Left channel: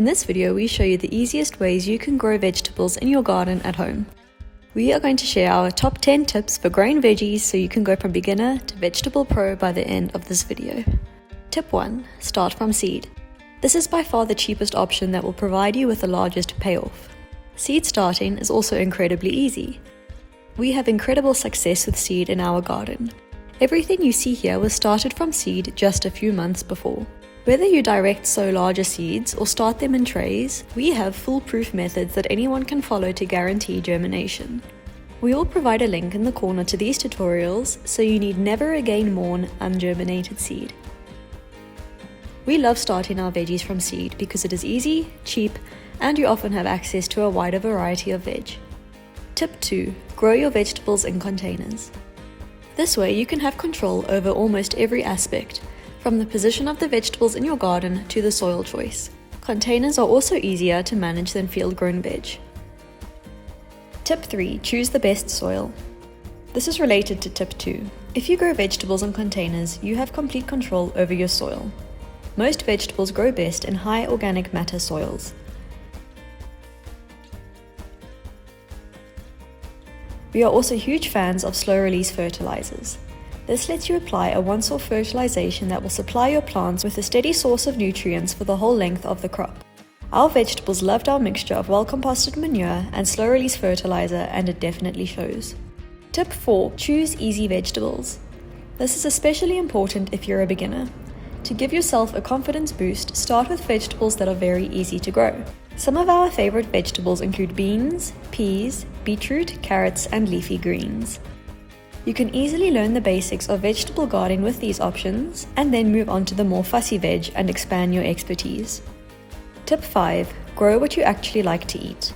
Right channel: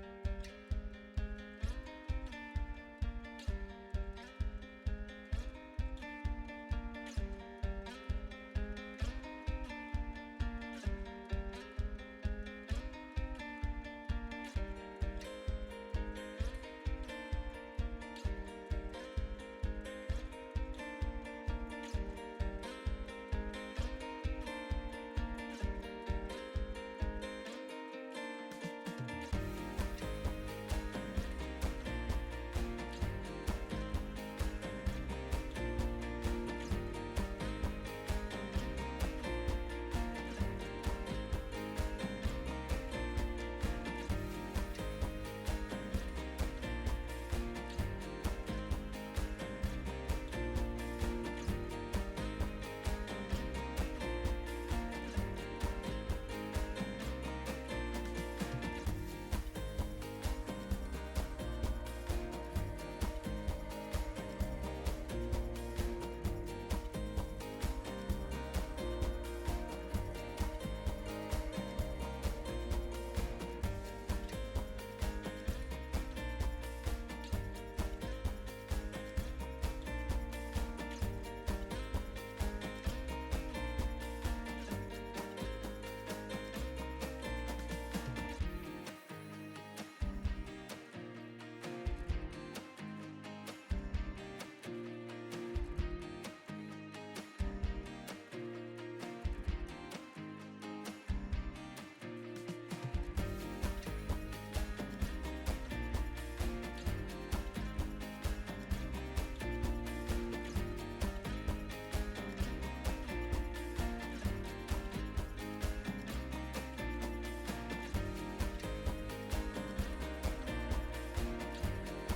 In this video, we show you the easiest ways you can grow vegetables in your garden at home. We are going to share our top 10 tips for growing veggies so you can go from beginner to vegetable pro by the end of this video. Tip 1. Start from seed. This is by far the cheapest option that will provide you with the largest payoff. Seed starting is also incredibly easy. We have incredible success with seed in our garden. Everything you see here was started from seed just a few months before. Whether you direct sow larger seeds or start them in trays, we have foolproof methods that anyone can follow to guarantee germination. We will provide a link in the corner to these tutorials, so you need never again mourn ungerminated seed. We love starting our veggies from seed because it is easy, cheap, and you often have access to a wider variety of veg. Tip 2. Grow your vegetables in containers. This way you can have control over almost every aspect, from the position of the vegetables in your garden to the soil choice. Containers are also easier to manage than field-grown veg. Tip 3. Choose the best soil. This is related to tip 2. If you grow vegetables in containers, you have complete control over your soil. Most vegetables grow best in high organic matter soils. We are also huge fans of slow-release fertilizers. This lets you apply a once-off fertilization that will supply your plants with a steady source of nutrients for the whole length of the crop. Our vegetables loved our mixture of well-composted manure and slow-release fertilizer, and it definitely shows. Tip 4. Choose easy vegetables. This is especially important if you're a beginner. To give yourself a confidence boost, start with vegetables that are very easy to grow. Some of our favorite vegetables include beans, peas, beetroot, carrots, and leafy greens. You can easily learn the basics of vegetable gardening with these options, and then move on to the more fussy veg and expand your expertise. Tip 5. Grow what you actually like to eat.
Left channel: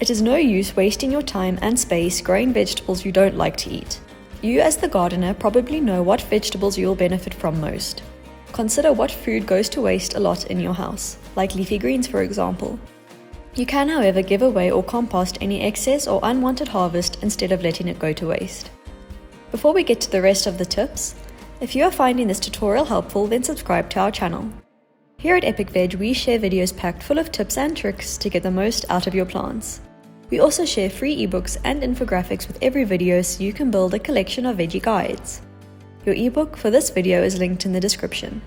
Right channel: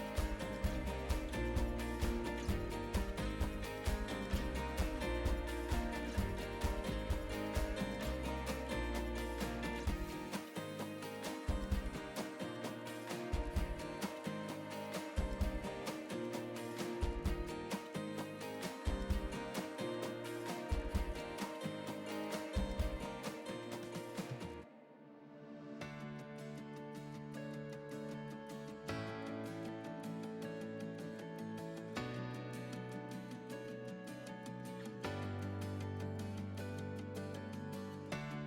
It is no use wasting your time and space growing vegetables you don't like to eat. You as the gardener probably know what vegetables you'll benefit from most. Consider what food goes to waste a lot in your house, like leafy greens for example. You can, however, give away or compost any excess or unwanted harvest instead of letting it go to waste. Before we get to the rest of the tips, if you are finding this tutorial helpful, then subscribe to our channel. Here at Epic Veg, we share videos packed full of tips and tricks to get the most out of your plants. We also share free ebooks and infographics with every video so you can build a collection of veggie guides. Your ebook for this video is linked in the description.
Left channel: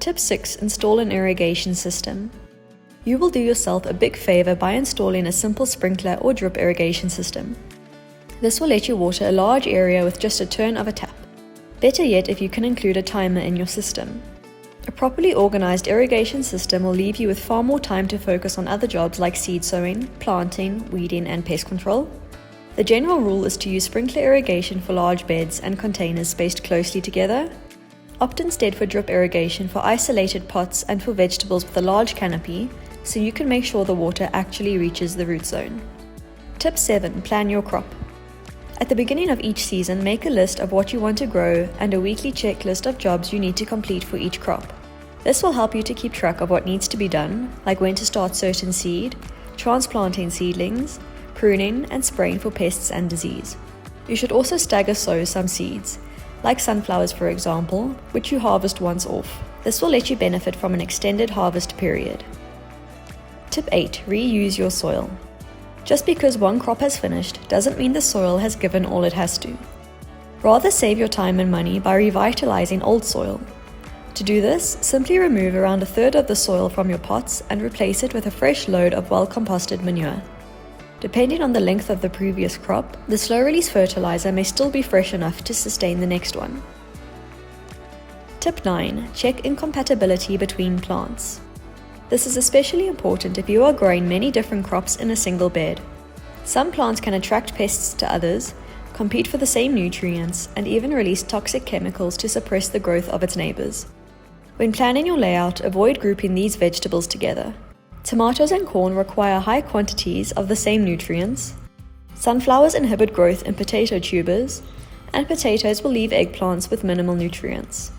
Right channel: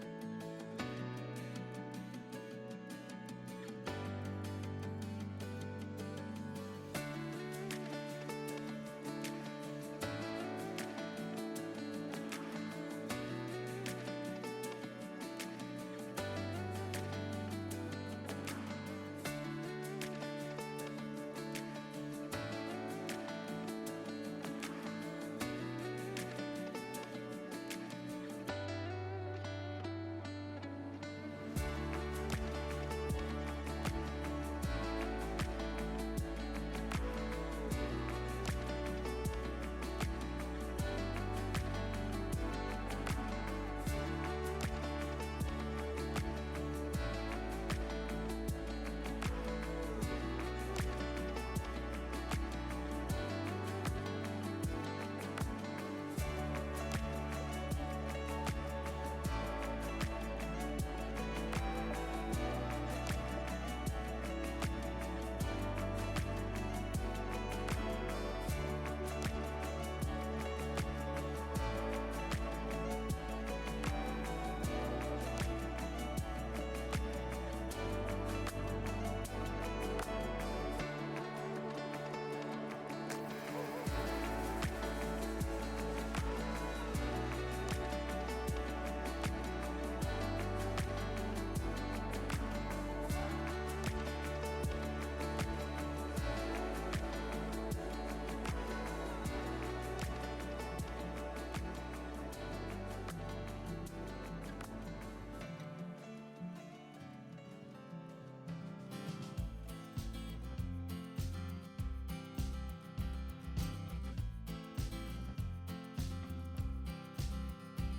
Tip 6. Install an irrigation system. You will do yourself a big favor by installing a simple sprinkler or drip irrigation system. This will let you water a large area with just a turn of a tap. Better yet if you can include a timer in your system. A properly organized irrigation system will leave you with far more time to focus on other jobs like seed sowing, planting, weeding, and pest control. The general rule is to use sprinkler irrigation for large beds and containers spaced closely together. Opt instead for drip irrigation for isolated pots and for vegetables with a large canopy, so you can make sure the water actually reaches the root zone. Tip 7. Plan your crop. At the beginning of each season, make a list of what you want to grow and a weekly checklist of jobs you need to complete for each crop. This will help you to keep track of what needs to be done, like when to start certain seed, transplanting seedlings, pruning, and spraying for pests and disease. You should also stagger sow some seeds, like sunflowers for example, which you harvest once off. This will let you benefit from an extended harvest period. Tip 8. Reuse your soil. Just because one crop has finished doesn't mean the soil has given all it has to. Rather save your time and money by revitalizing old soil. To do this, simply remove around a third of the soil from your pots and replace it with a fresh load of well-composted manure. Depending on the length of the previous crop, the slow-release fertilizer may still be fresh enough to sustain the next one. Tip 9. Check incompatibility between plants. This is especially important if you are growing many different crops in a single bed. Some plants can attract pests to others, compete for the same nutrients, and even release toxic chemicals to suppress the growth of its neighbors. When planning your layout, avoid grouping these vegetables together. Tomatoes and corn require high quantities of the same nutrients. Sunflowers inhibit growth in potato tubers, and potatoes will leave eggplants with minimal nutrients.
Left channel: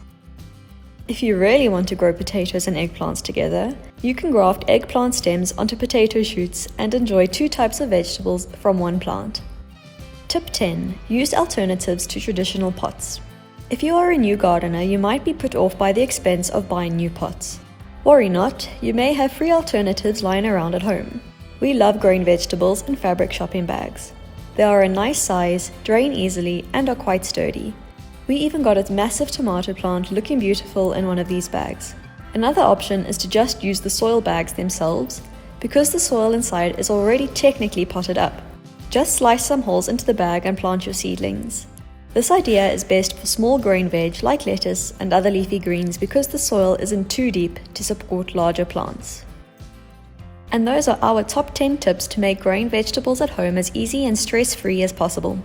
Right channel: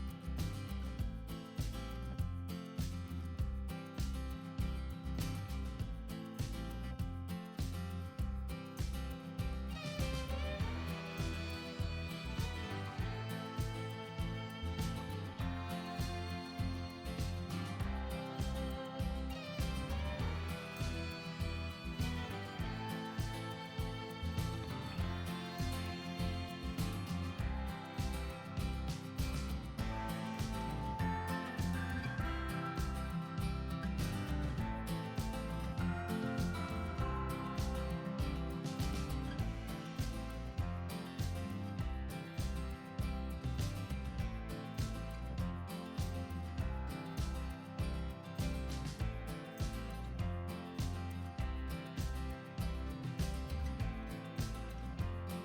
If you really want to grow potatoes and eggplants together, you can graft eggplant stems onto potato shoots and enjoy two types of vegetables from one plant. Tip 10. Use alternatives to traditional pots. If you are a new gardener, you might be put off by the expense of buying new pots. Worry not, you may have free alternatives lying around at home. We love growing vegetables in fabric shopping bags. They are a nice size, drain easily, and are quite sturdy. We even got a massive tomato plant looking beautiful in one of these bags. Another option is to just use the soil bags themselves, because the soil inside is already technically potted up. Just slice some holes into the bag and plant your seedlings. This idea is best for small growing veg like lettuce and other leafy greens because the soil isn't too deep to support larger plants. And those are our top 10 tips to make growing vegetables at home as easy and stress-free as possible.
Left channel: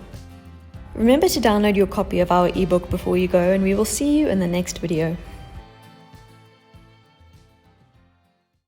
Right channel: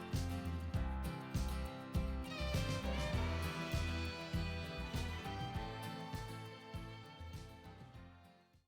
Remember to download your copy of our ebook before you go, and we will see you in the next video.